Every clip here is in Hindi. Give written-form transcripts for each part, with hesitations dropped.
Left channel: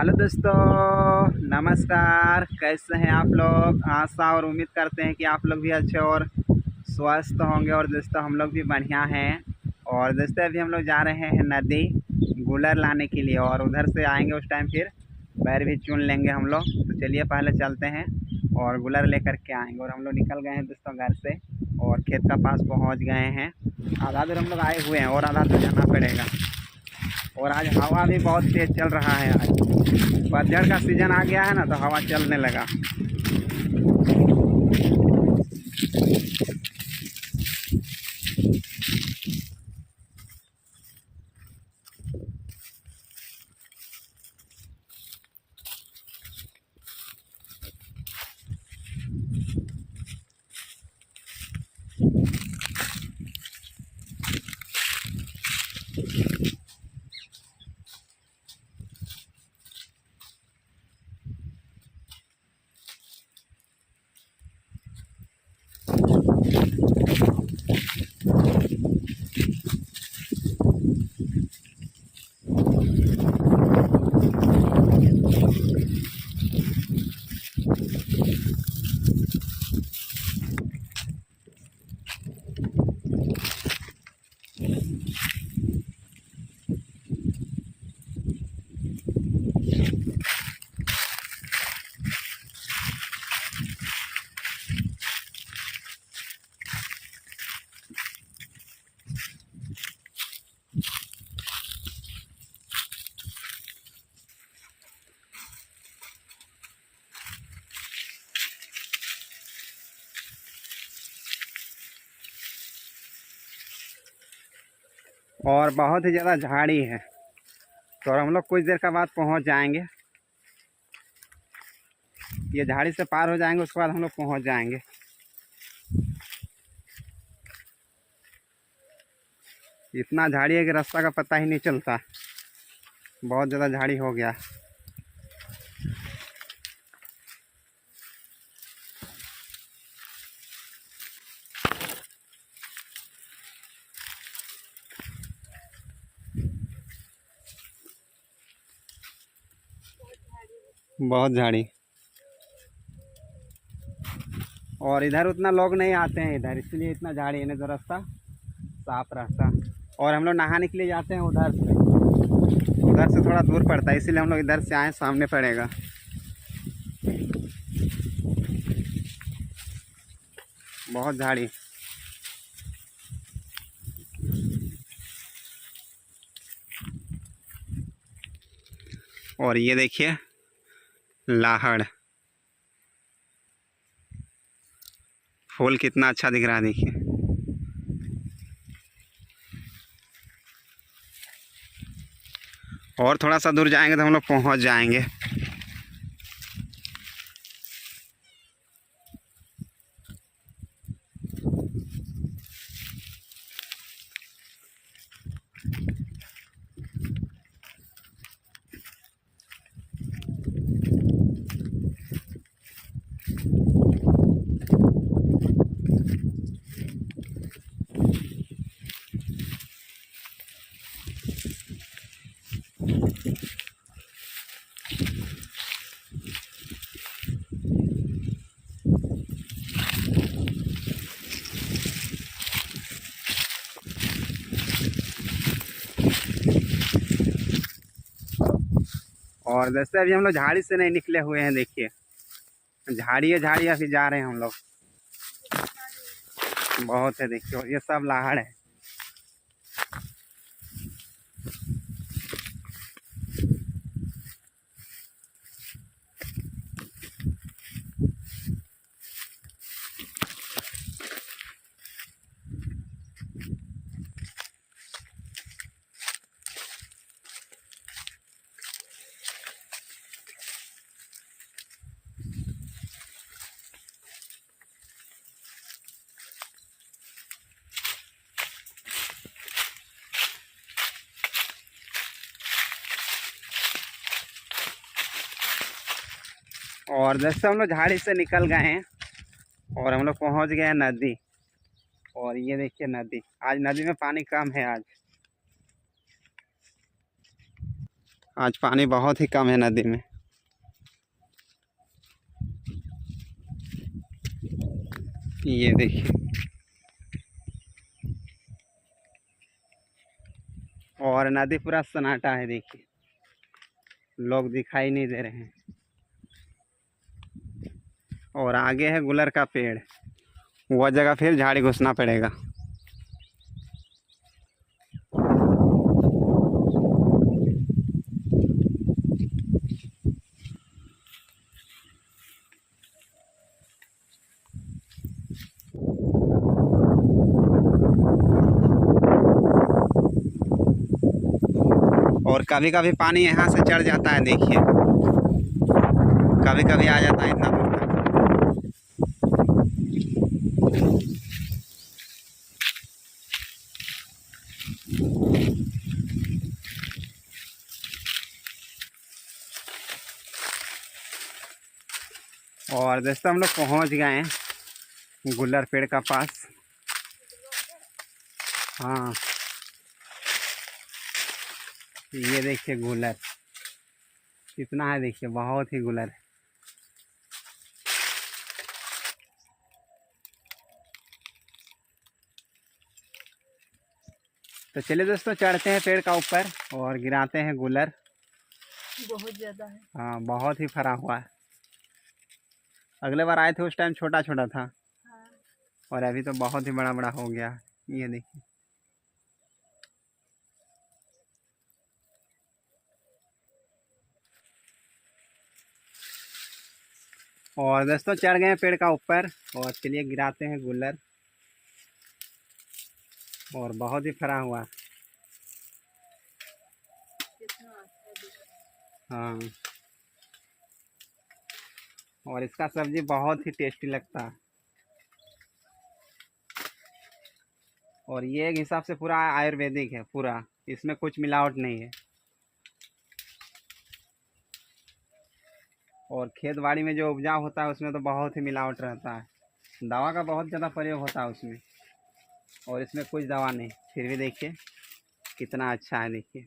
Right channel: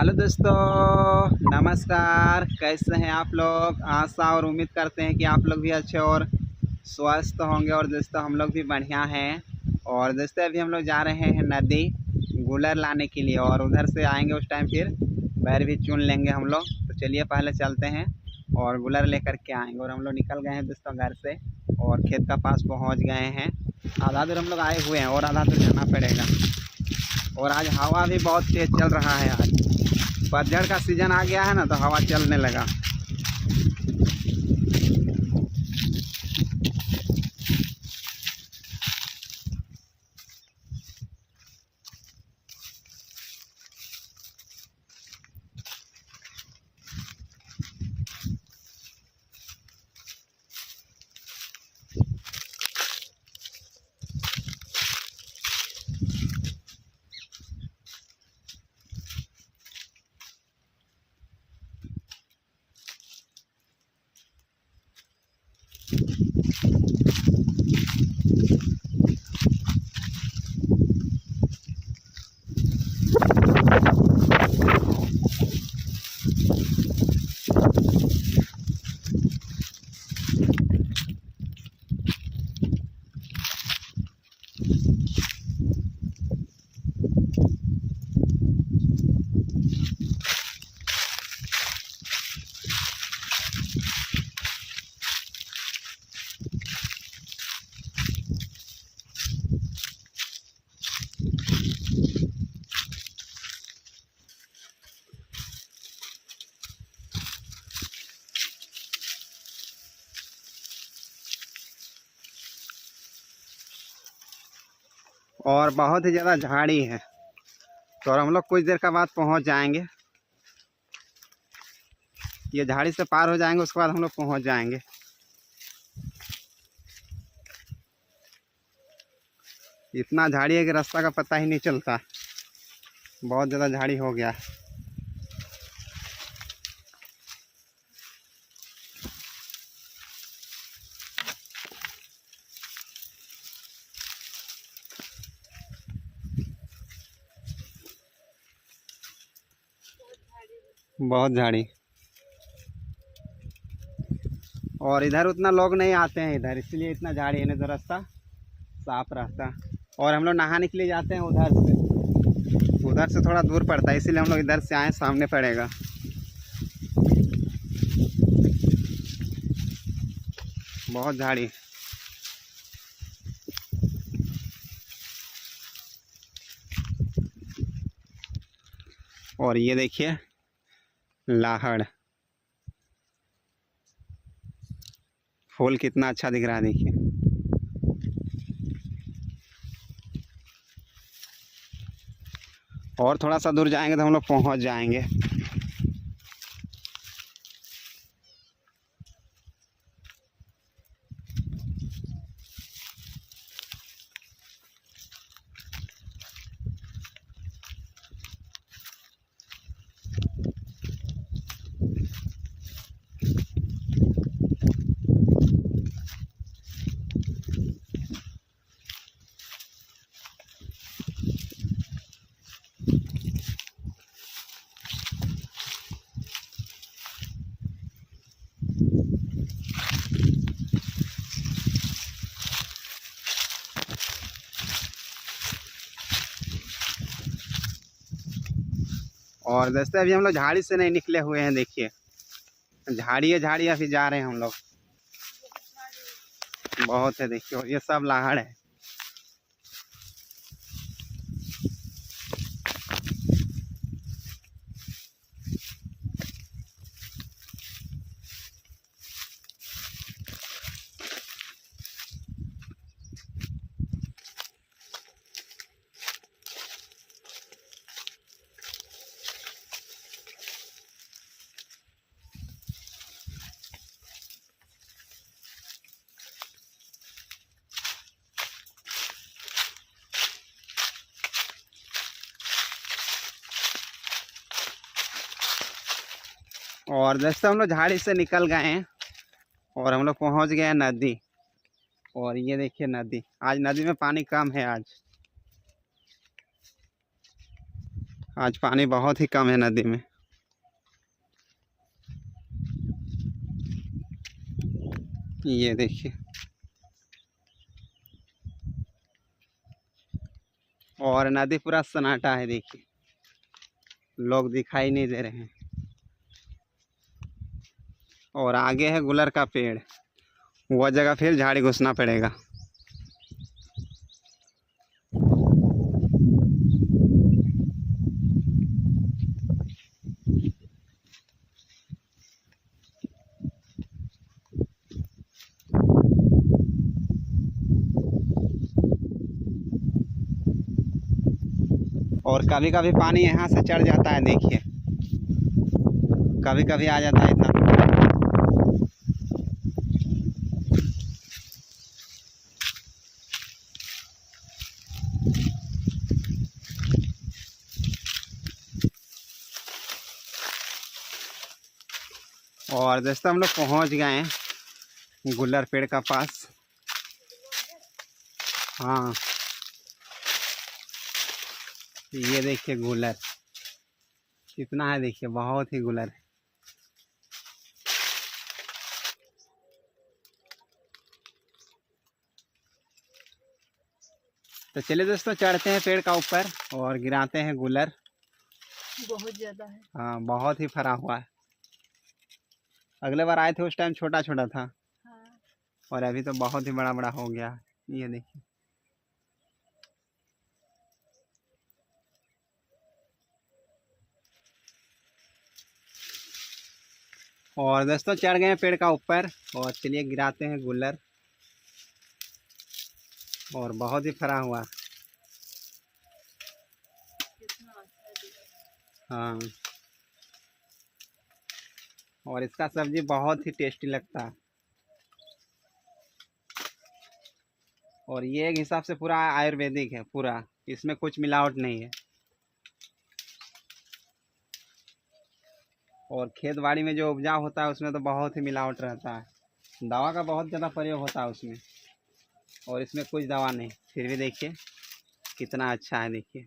हेलो दोस्तों, नमस्कार। कैसे हैं आप लोग? आशा और उम्मीद करते हैं कि आप लोग भी अच्छे और स्वस्थ होंगे। और दोस्तों हम लोग भी बढ़िया हैं। और दोस्तों अभी हम लोग जा रहे हैं नदी गूलर लाने के लिए, और उधर से आएंगे उस टाइम फिर बैर भी चुन लेंगे हम लोग। तो चलिए पहले चलते हैं और गूलर लेकर के आएंगे। और हम लोग निकल गए हैं दोस्तों घर से और खेत का पास पहुँच गए हैं। आधा दूर हम लोग आए हुए हैं और आधा दूर जाना पड़ेगा। और आज हवा भी बहुत तेज़ चल रहा है। आज पतझड़ का सीज़न आ गया है ना, तो हवा चलने लगा। और बहुत ही ज़्यादा झाड़ी है, तो हम लोग कुछ देर के बाद पहुंच जाएंगे। ये झाड़ी से पार हो जाएंगे, उसके बाद हम लोग पहुंच जाएंगे। इतना झाड़ी है कि रास्ता का पता ही नहीं चलता। बहुत ज़्यादा झाड़ी हो गया। बहुत झाड़ी। और इधर उतना लोग नहीं आते हैं इधर, इसलिए इतना झाड़ी है, नहीं तो रास्ता साफ रहता। और हम लोग नहाने के लिए जाते हैं उधर से थोड़ा दूर पड़ता है, इसीलिए हम लोग इधर से आए, सामने पड़ेगा। बहुत झाड़ी। और ये देखिए लाहड़ फूल कितना अच्छा दिख रहा है, देखिए। और थोड़ा सा दूर जाएंगे तो हम लोग पहुंच जाएंगे। और जैसे अभी हम लोग झाड़ी से नहीं निकले हुए हैं, देखिए झाड़ी है, झाड़ी अभी जा रहे हैं हम लोग। बहुत है, देखिए ये सब लाहड़ है। और जैसे हम लोग झाड़ी से निकल गए हैं और हम लोग पहुंच गए हैं नदी। और ये देखिए नदी, आज नदी में पानी कम है। आज पानी बहुत ही कम है नदी में। ये देखिए, और नदी पूरा सन्नाटा है। देखिए, लोग दिखाई नहीं दे रहे हैं। और आगे है गुलर का पेड़, वह जगह फिर झाड़ी घुसना पड़ेगा। और कभी कभी पानी यहाँ से चढ़ जाता है। देखिए, कभी कभी आ जाता है इतना। और दोस्तों, हम लोग पहुँच गए हैं गुलर पेड़ का पास। हाँ, ये देखिए गुलर कितना है। देखिए, बहुत ही गुलर है। तो चलिए दोस्तों, चढ़ते हैं पेड़ का ऊपर और गिराते हैं गुलर। बहुत ज़्यादा है। हाँ, बहुत ही फरा हुआ है। अगले बार आए थे उस टाइम छोटा छोटा था। हाँ। और अभी तो बहुत ही बड़ा बड़ा हो गया है। ये देखिए। और दोस्तों, चढ़ गए हैं पेड़ का ऊपर और चलिए गिराते हैं गुलर। और बहुत ही फरा हुआ। कितना अच्छा दिख रहा है। हाँ, और इसका सब्जी बहुत ही टेस्टी लगता है। और ये एक हिसाब से पूरा आयुर्वेदिक है, पूरा इसमें कुछ मिलावट नहीं है। और खेत बाड़ी में जो उपजाऊ होता है उसमें तो बहुत ही मिलावट रहता है। दवा का बहुत ज़्यादा प्रयोग होता है उसमें, और इसमें कुछ दवा नहीं। फिर भी देखिए कितना अच्छा है। देखिए,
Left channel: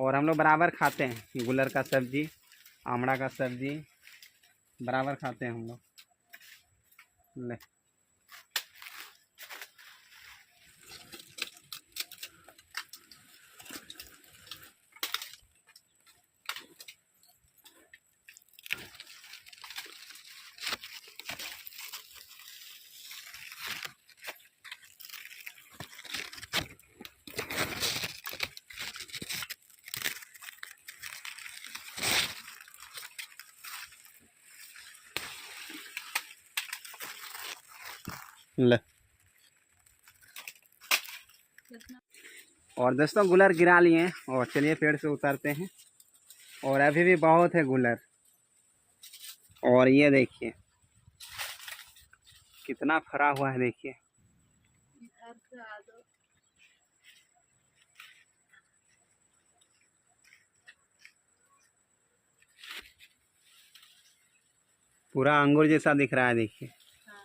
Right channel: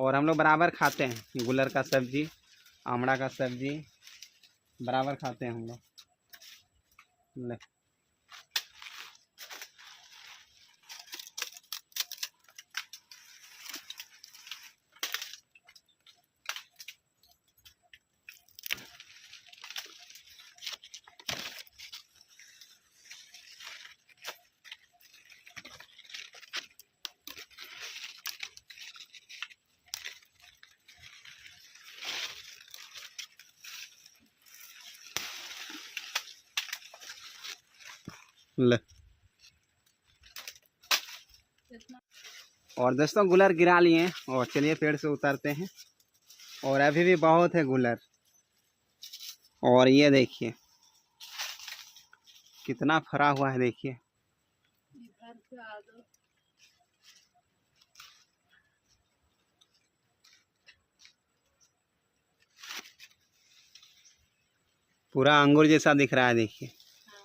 और हम लोग बराबर खाते हैं गुलर का सब्जी, आमड़ा का सब्जी बराबर खाते हैं हम लोग। ले, ले। कितना और दोस्तों, गुलर गिरा लिए और चलिए पेड़ से उतरते हैं। और अभी भी बहुत है गुलर। और ये देखिए कितना फरा हुआ है। देखिए, इधर से आ दो। पूरा अंगूर जैसा दिख रहा है। देखिए, हाँ।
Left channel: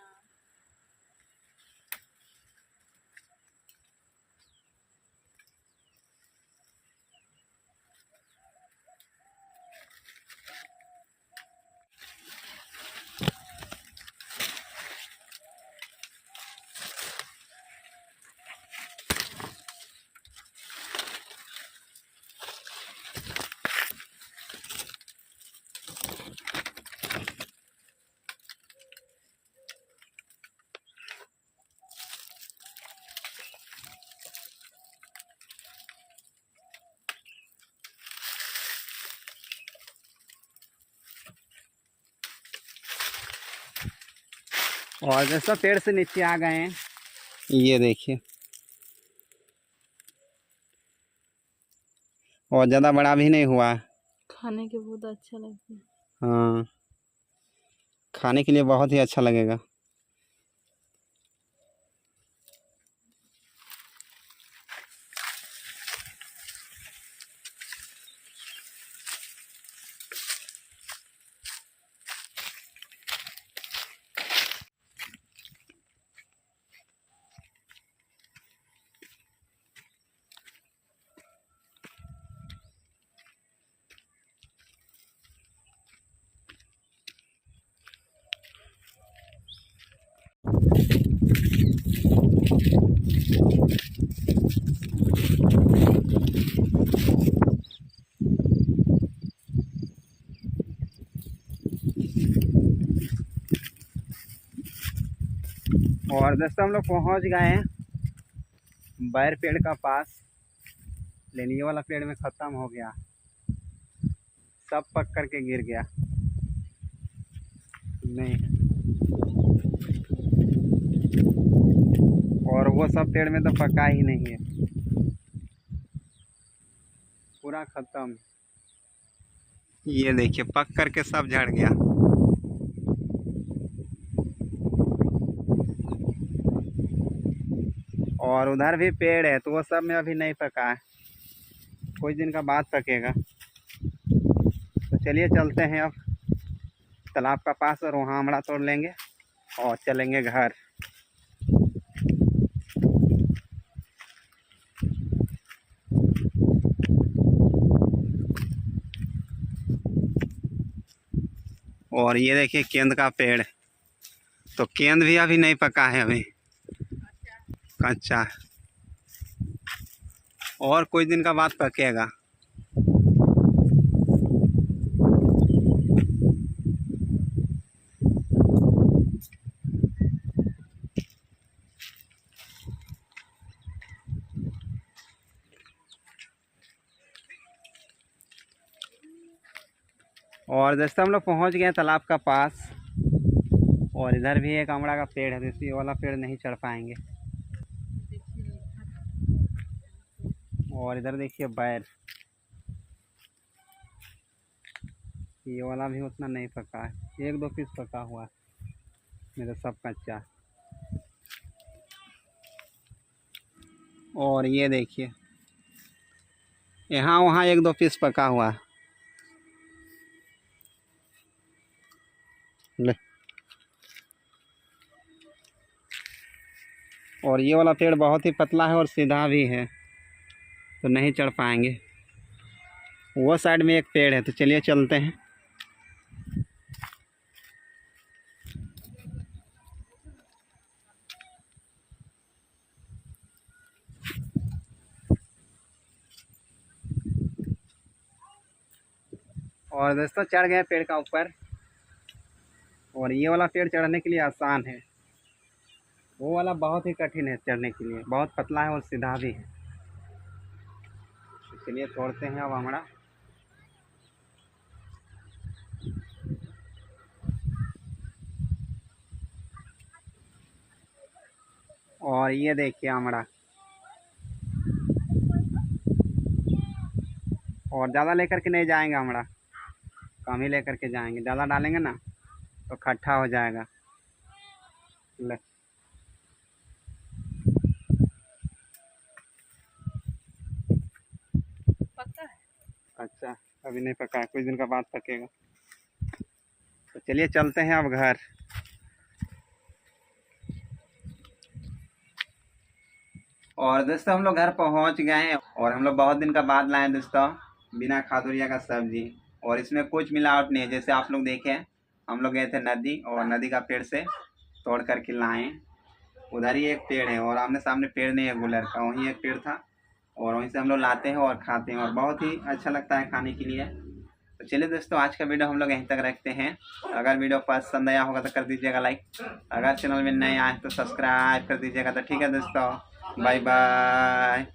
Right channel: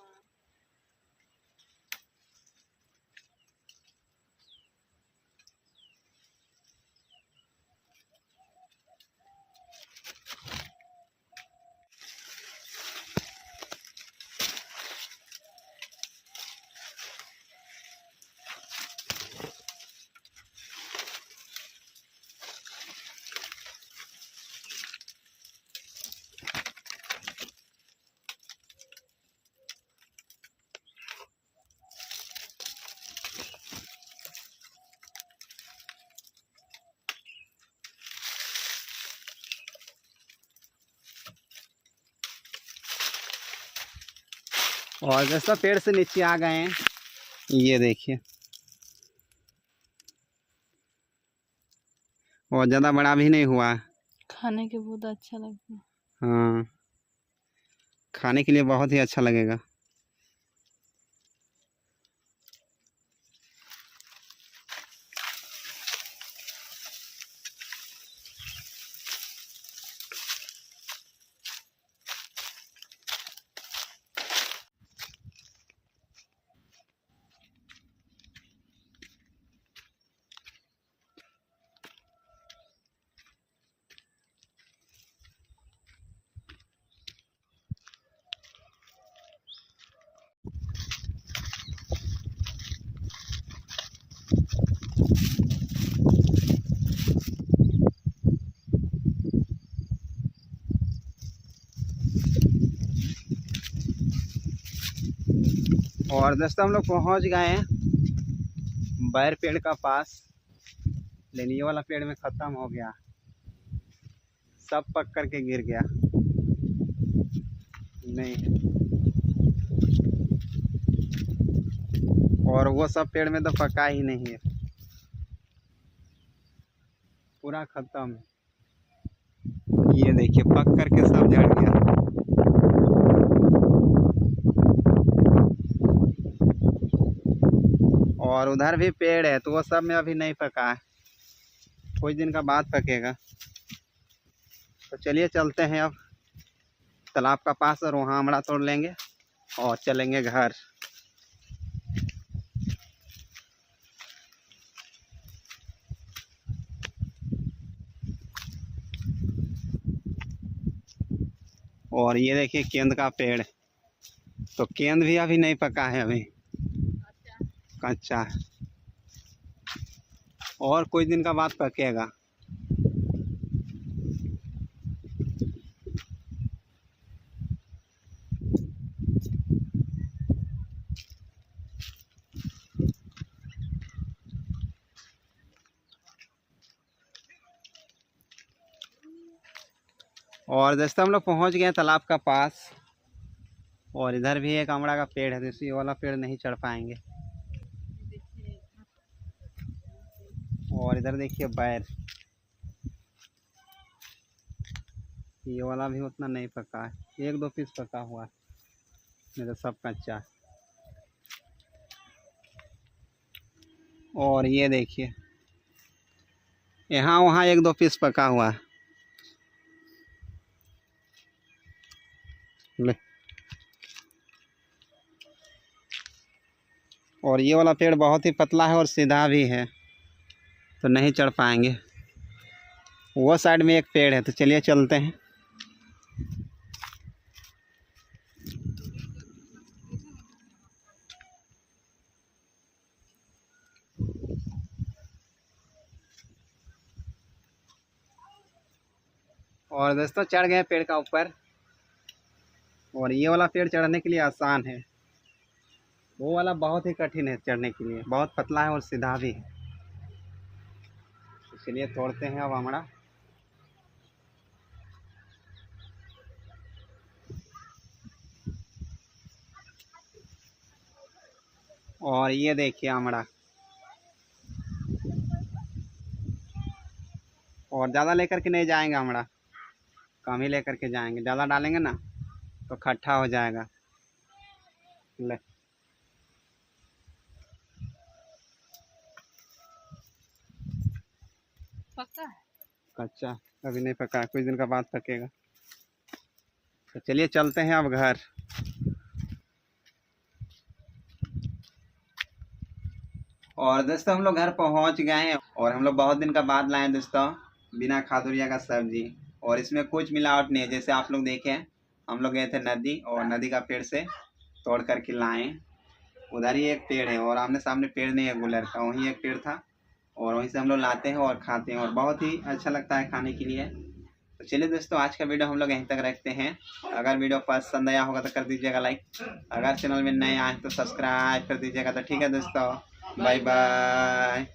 और दोस्तों, पेड़ से नीचे आ गए हैं। ये देखिए, और ज़्यादा बड़ा भी नहीं हुआ। खाने के बहुत अच्छा लगता है। हाँ, खाने के लिए बहुत ही अच्छा लगेगा। और दोस्तों हम लोग पहुंच गए हैं बैर पेड़ का पास, लेकिन ये वाला पेड़ में ख़त्म हो गया, सब पक करके गिर गया। नहीं, और वो सब पेड़ में तो पका ही नहीं है, पूरा ख़त्म। ये देखिए पक करके सब झड़ गया। और उधर भी पेड़ है तो वो सब में अभी नहीं पका है, कुछ दिन का बाद पकेगा। तो चलिए चलते हैं अब तालाब का पास और वहाँ आमड़ा तोड़ लेंगे और चलेंगे घर। और ये देखिए केंद का पेड़, तो केंद भी अभी नहीं पका है, अभी कच्चा है, और कुछ दिन का बाद पकेगा। और दोस्तों हम लोग पहुंच गए तालाब का पास, और इधर भी एक आमड़ा का पेड़ है, तो ये वाला पेड़ नहीं चढ़ पाएंगे। और इधर देखिए बैर, ये वाला भी उतना नहीं पका है, एक दो पीस पका हुआ है, नहीं तो सब कच्चा है। और ये देखिए यहाँ वहाँ एक दो पीस पका हुआ है। ले, और ये वाला पेड़ बहुत ही पतला है और सीधा भी है, तो नहीं चढ़ पाएंगे। वो साइड में एक पेड़ है, तो चलिए चलते हैं। और दोस्तों चढ़ गए पेड़ का ऊपर, और ये वाला पेड़ चढ़ने के लिए आसान है, वो वाला बहुत ही कठिन है चढ़ने के लिए, बहुत पतला है और सीधा भी है। इसलिए तोड़ते हैं अब आमड़ा। और ये देखिए आमड़ा, और ज़्यादा लेकर के नहीं जाएंगे आमड़ा, कम ही लेकर के जाएंगे, ज़्यादा डालेंगे ना तो खट्टा हो जाएगा। ले, पक्का है? कच्चा अभी नहीं पका, कुछ दिन का बाद पकेगा। तो चलिए चलते हैं अब घर। और दोस्तों हम लोग घर पहुंच गए हैं, और हम लोग बहुत दिन का बाद लाए दोस्तों बिना खादुरिया का सब्जी, और इसमें कुछ मिलावट नहीं है। जैसे आप लोग देखें, हम लोग गए थे नदी, और नदी का पेड़ से तोड़ करके लाए। उधर ही एक पेड़ है, और आमने सामने पेड़ नहीं है गुलर का, वहीं एक पेड़ था, और वहीं से हम लोग लाते हैं और खाते हैं, और बहुत ही अच्छा लगता है खाने के लिए। तो चलिए दोस्तों आज का वीडियो हम लोग यहीं तक रखते हैं। अगर वीडियो पसंद आया होगा तो कर दीजिएगा लाइक, अगर चैनल में नए आए तो सब्सक्राइब कर दीजिएगा। तो ठीक है दोस्तों, बाय बाय।